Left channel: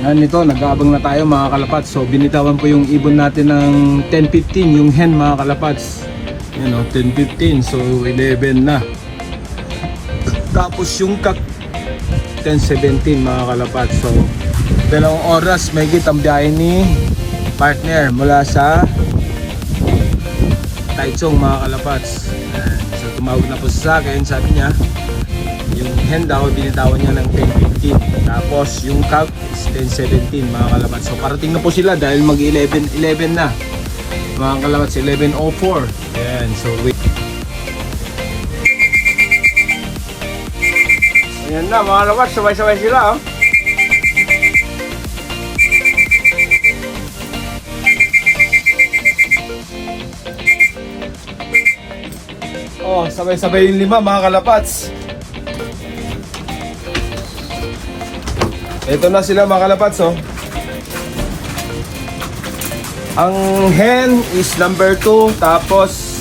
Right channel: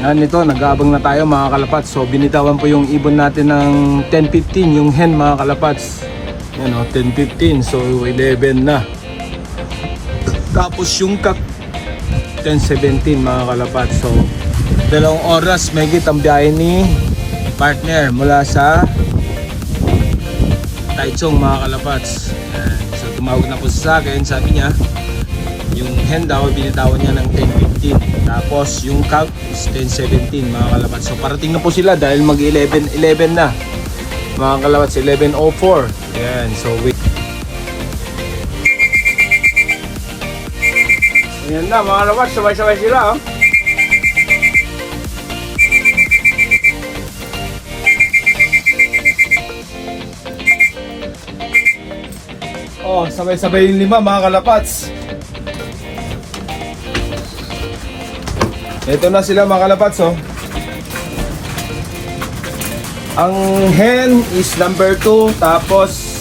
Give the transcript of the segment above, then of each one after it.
Yan, ito, nag-aabang na tayo mga kalapats. So binitawan po yung ibon natin ng 10-15, yung hen mga kalapats. Yan o, 10-15, so 11 na. Tapos yung kak 10-17 mga kalapats. So 2 oras may ang biyahe ni partner mula sa Taichung mga kalapats. Yan. So tumawag na po sa akin, sabi niya yung hen daw binitawan niya ng 10-15, tapos yung kak is 10-17 mga kalapats. So parating na po sila dahil mag 11 na mga kalapats, 11:04. Yan, so wait. Ayan na mga kalapats, sabay-sabay sila oh. Oh, sabay-sabay yung 5 mga kalapats. Ito na sila mga kalapats oh. Ang hen is number 2, tapos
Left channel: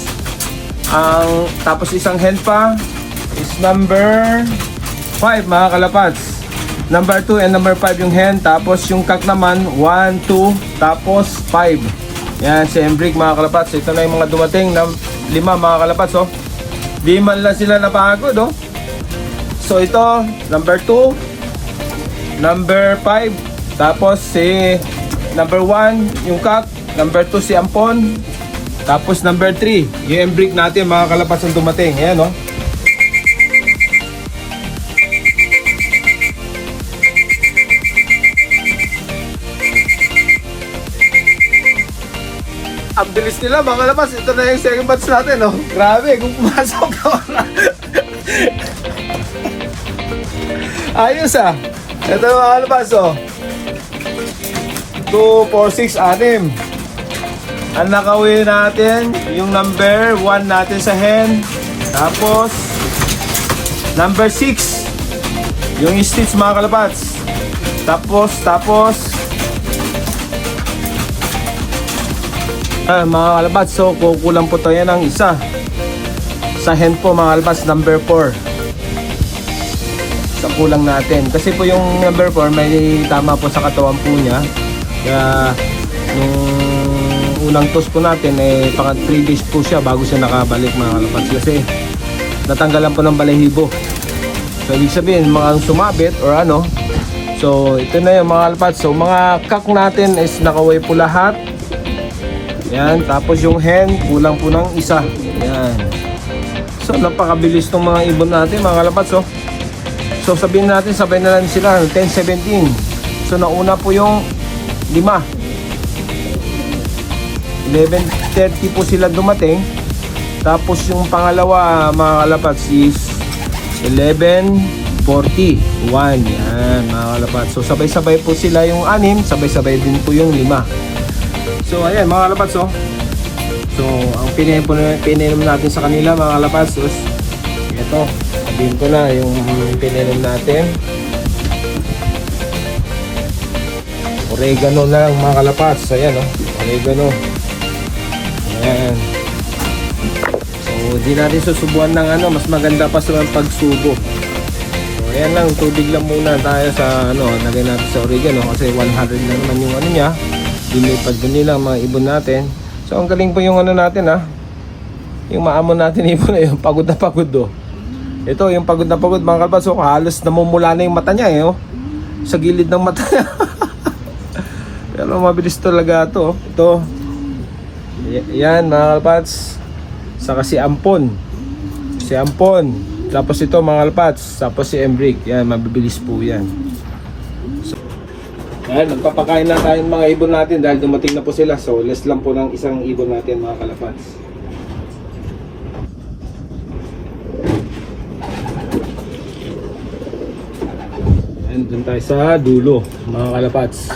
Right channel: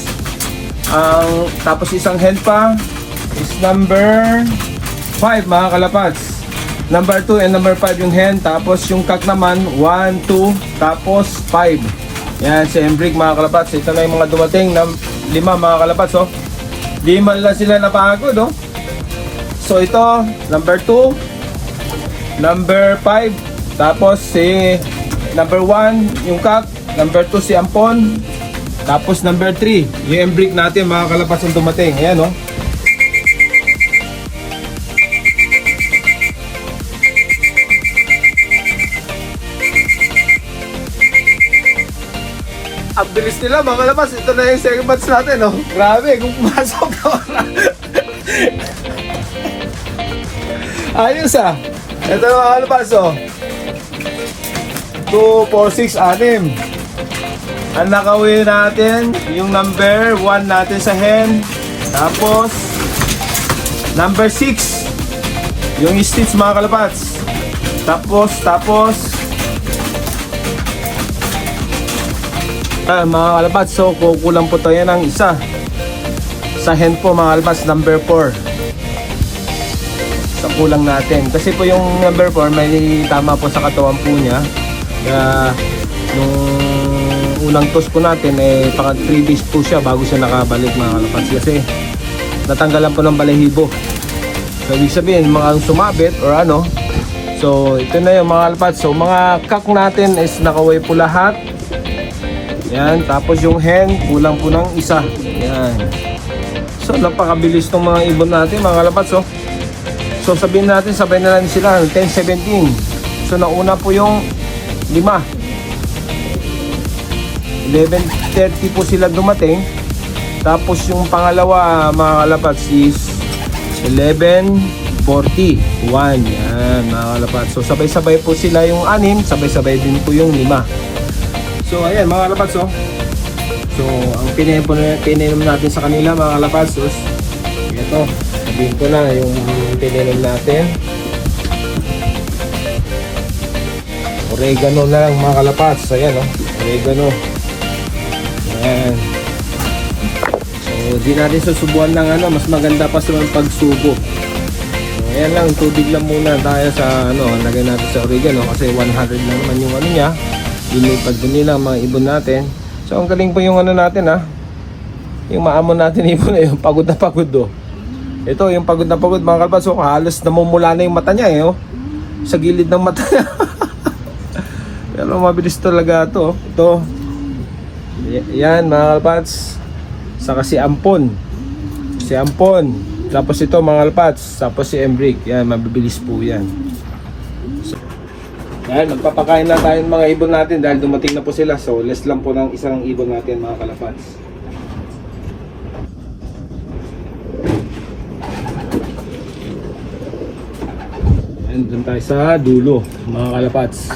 isang hen pa is number 5 mga kalapats. Number 2 and number 5 yung hen, tapos yung kak naman 1, 2, tapos 5. Yan si Embrick mga kalapats. Ito na yung mga dumating ng 5 mga kalapats oh. Di man lang sila napakagod oh. So ito number 2, number 5, tapos si number 1 yung kak, number 2 si Ampon, tapos number 3 yung Embrick natin mga kalapats yung dumating. Ayan oh. Ang bilis nila mga kalapats. Ito na yung second batch natin oh. Grabe kung pumasok na. Ayos ah. Ito mga kalapats oh. 2, 4, 6, 6. Ang nakauwi natin yung number 1 natin sa hen, tapos number 6 yung stitch mga kalapats, tapos ayan mga kalapats. So kukulang po tayo ng isa sa hen po mga kalapats, number 4 sa kulang natin, kasi po yung number 4 may tama po sa katawan po niya. Kaya yung unang toss po natin paka 3 days po siya bago siya nakabalik mga kalapats, kasi natanggalan po ng balahibo. So ibig sabihin mga sumabit o ano. So ito na yung mga kalapats. So mga kak natin is nakaway po lahat. Yan, tapos yung hen kulang po ng isa. Yan. So napakabilis ng mga ibon natin mga kalapats oh. So sabihin natin sabay na lang sila 10-17. So nauna po yung 5, 11:30 po sila dumating. Tapos yung pangalawa mga kalapats is 11:41. Yan mga kalapats. So sabay-sabay po sila yung 6, sabay-sabay din po yung 5. So ayan mga kalapats oh. So ang tininom natin sa kanila mga kalapats is ito. Sabihin ko na yung tininom natin. Oregano na lang mga kalapats. Ayan oh, oregano. Ayan. So di natin susubuan ng ano, mas maganda pa sa pagsubo. So ayan lang, tubig lang muna tayo sa ano, lagay natin sa oregano kasi 100 na naman yung ano niya. Dilipad din nila mga ibon natin. So ang galing po yung ano natin ha. Yung maamon natin ibon na yung pagod na pagod oh. Ito yung pagod na pagod mga kalapats. So halos namumula na yung mata niya oh. Sa gilid ng mata. Pero mabilis talaga ito. Ito. Yan mga kalapats. Saka si Ampon. Si Ampon. Tapos ito mga kalapats. Tapos si Embrick. Yan, mabibilis po yan. Yan, magpapakain lang tayo ng mga ibon natin dahil dumating na po sila. So less lang po ng isang ibon natin mga kalapats. Yan, dun tayo sa dulo mga kalapats.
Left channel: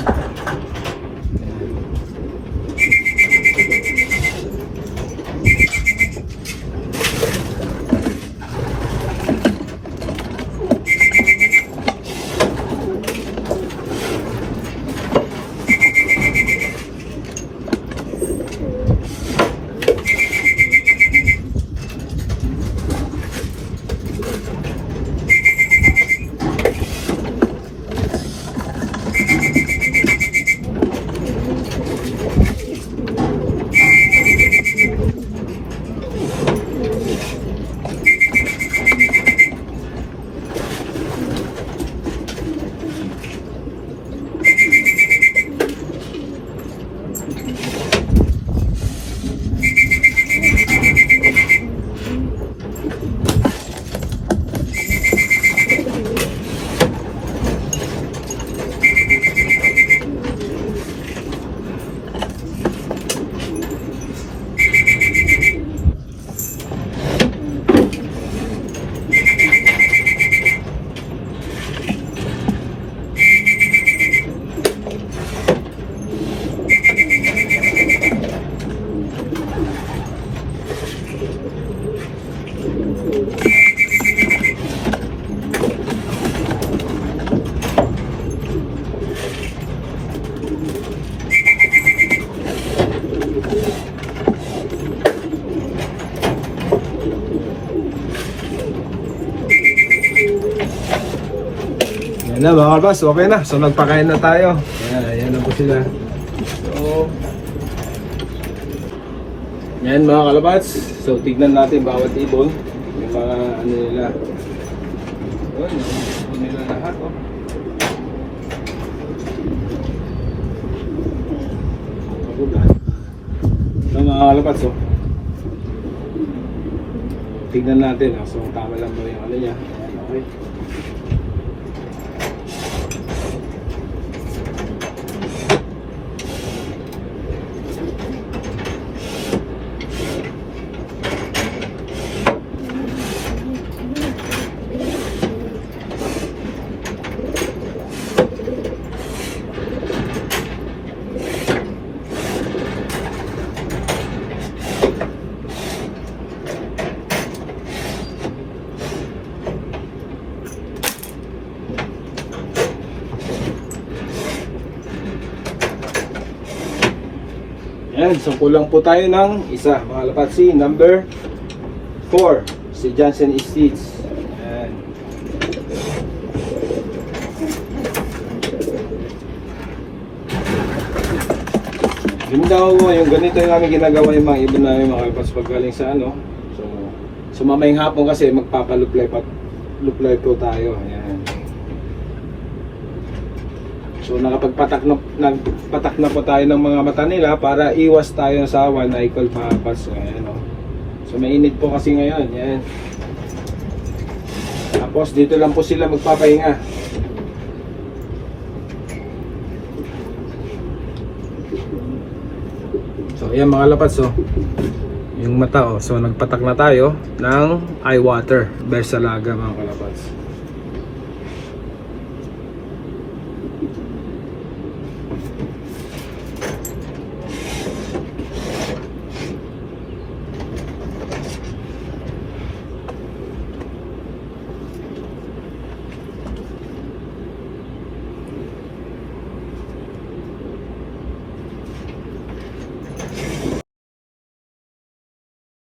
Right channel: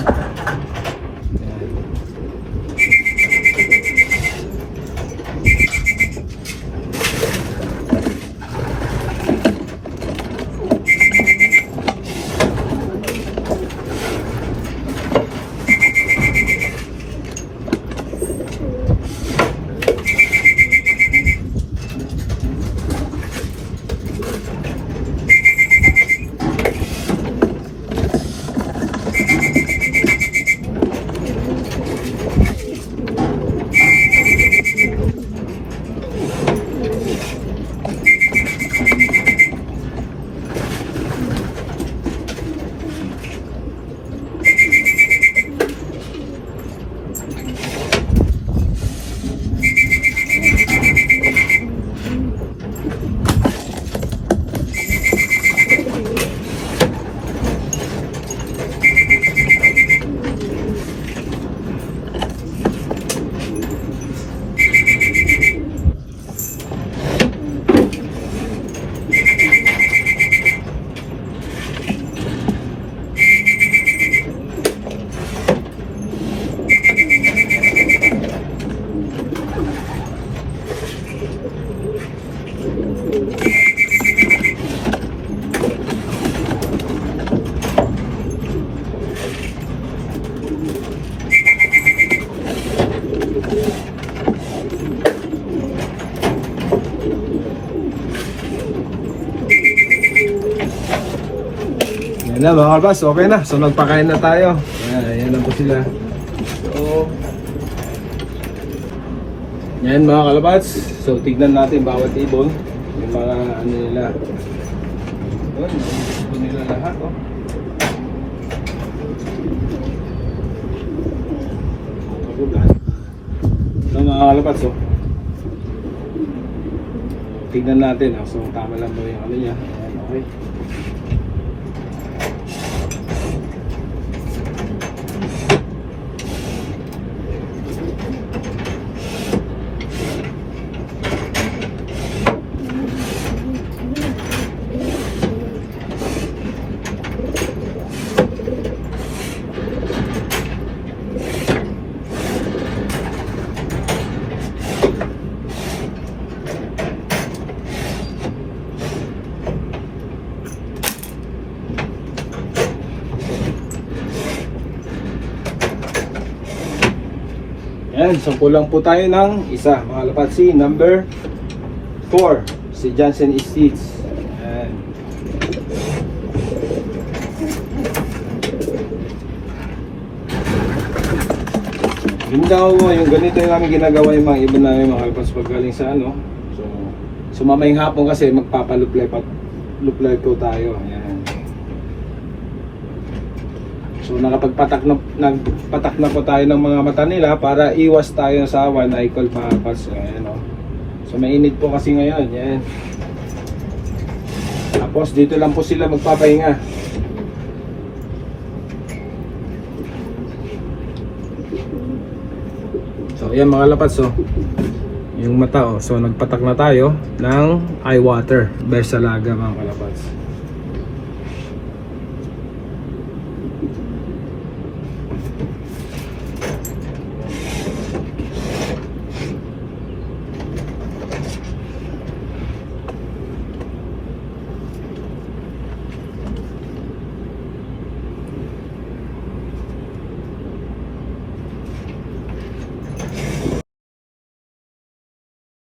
Yan na mga kalabas, okay na. So nagpakain na tayo. Ayan na po sila. So, yan mga kalabas. So tignan natin bawat ibon. Yung mga ano nila. Ayan, ano nila lahat. Oh. So mga kalabas, oh. Tignan natin. So tama lang ba yung ano niya. Okay. Ayan, so kulang po tayo ng isa, mga lapatsi, number 4, si Johnson Estates. Ayan. Yun daw, yung ganito yung namin ginagawa yung mga ibon namin mga kalapats pag galing sa ano. So mamayang hapon kasi magpapaluplay po tayo. Ayan. So nagpatak na po tayo ng mga mata nila para iwas tayo sa one eye cold mga kalapats. Ayan, oh. So mainit po kasi ngayon. Ayan. Tapos dito lang po sila magpapahinga. So ayan mga kalapats, oh. Yung mata, oh. So nagpatak na tayo ng eye water Versalaga mga kalapats.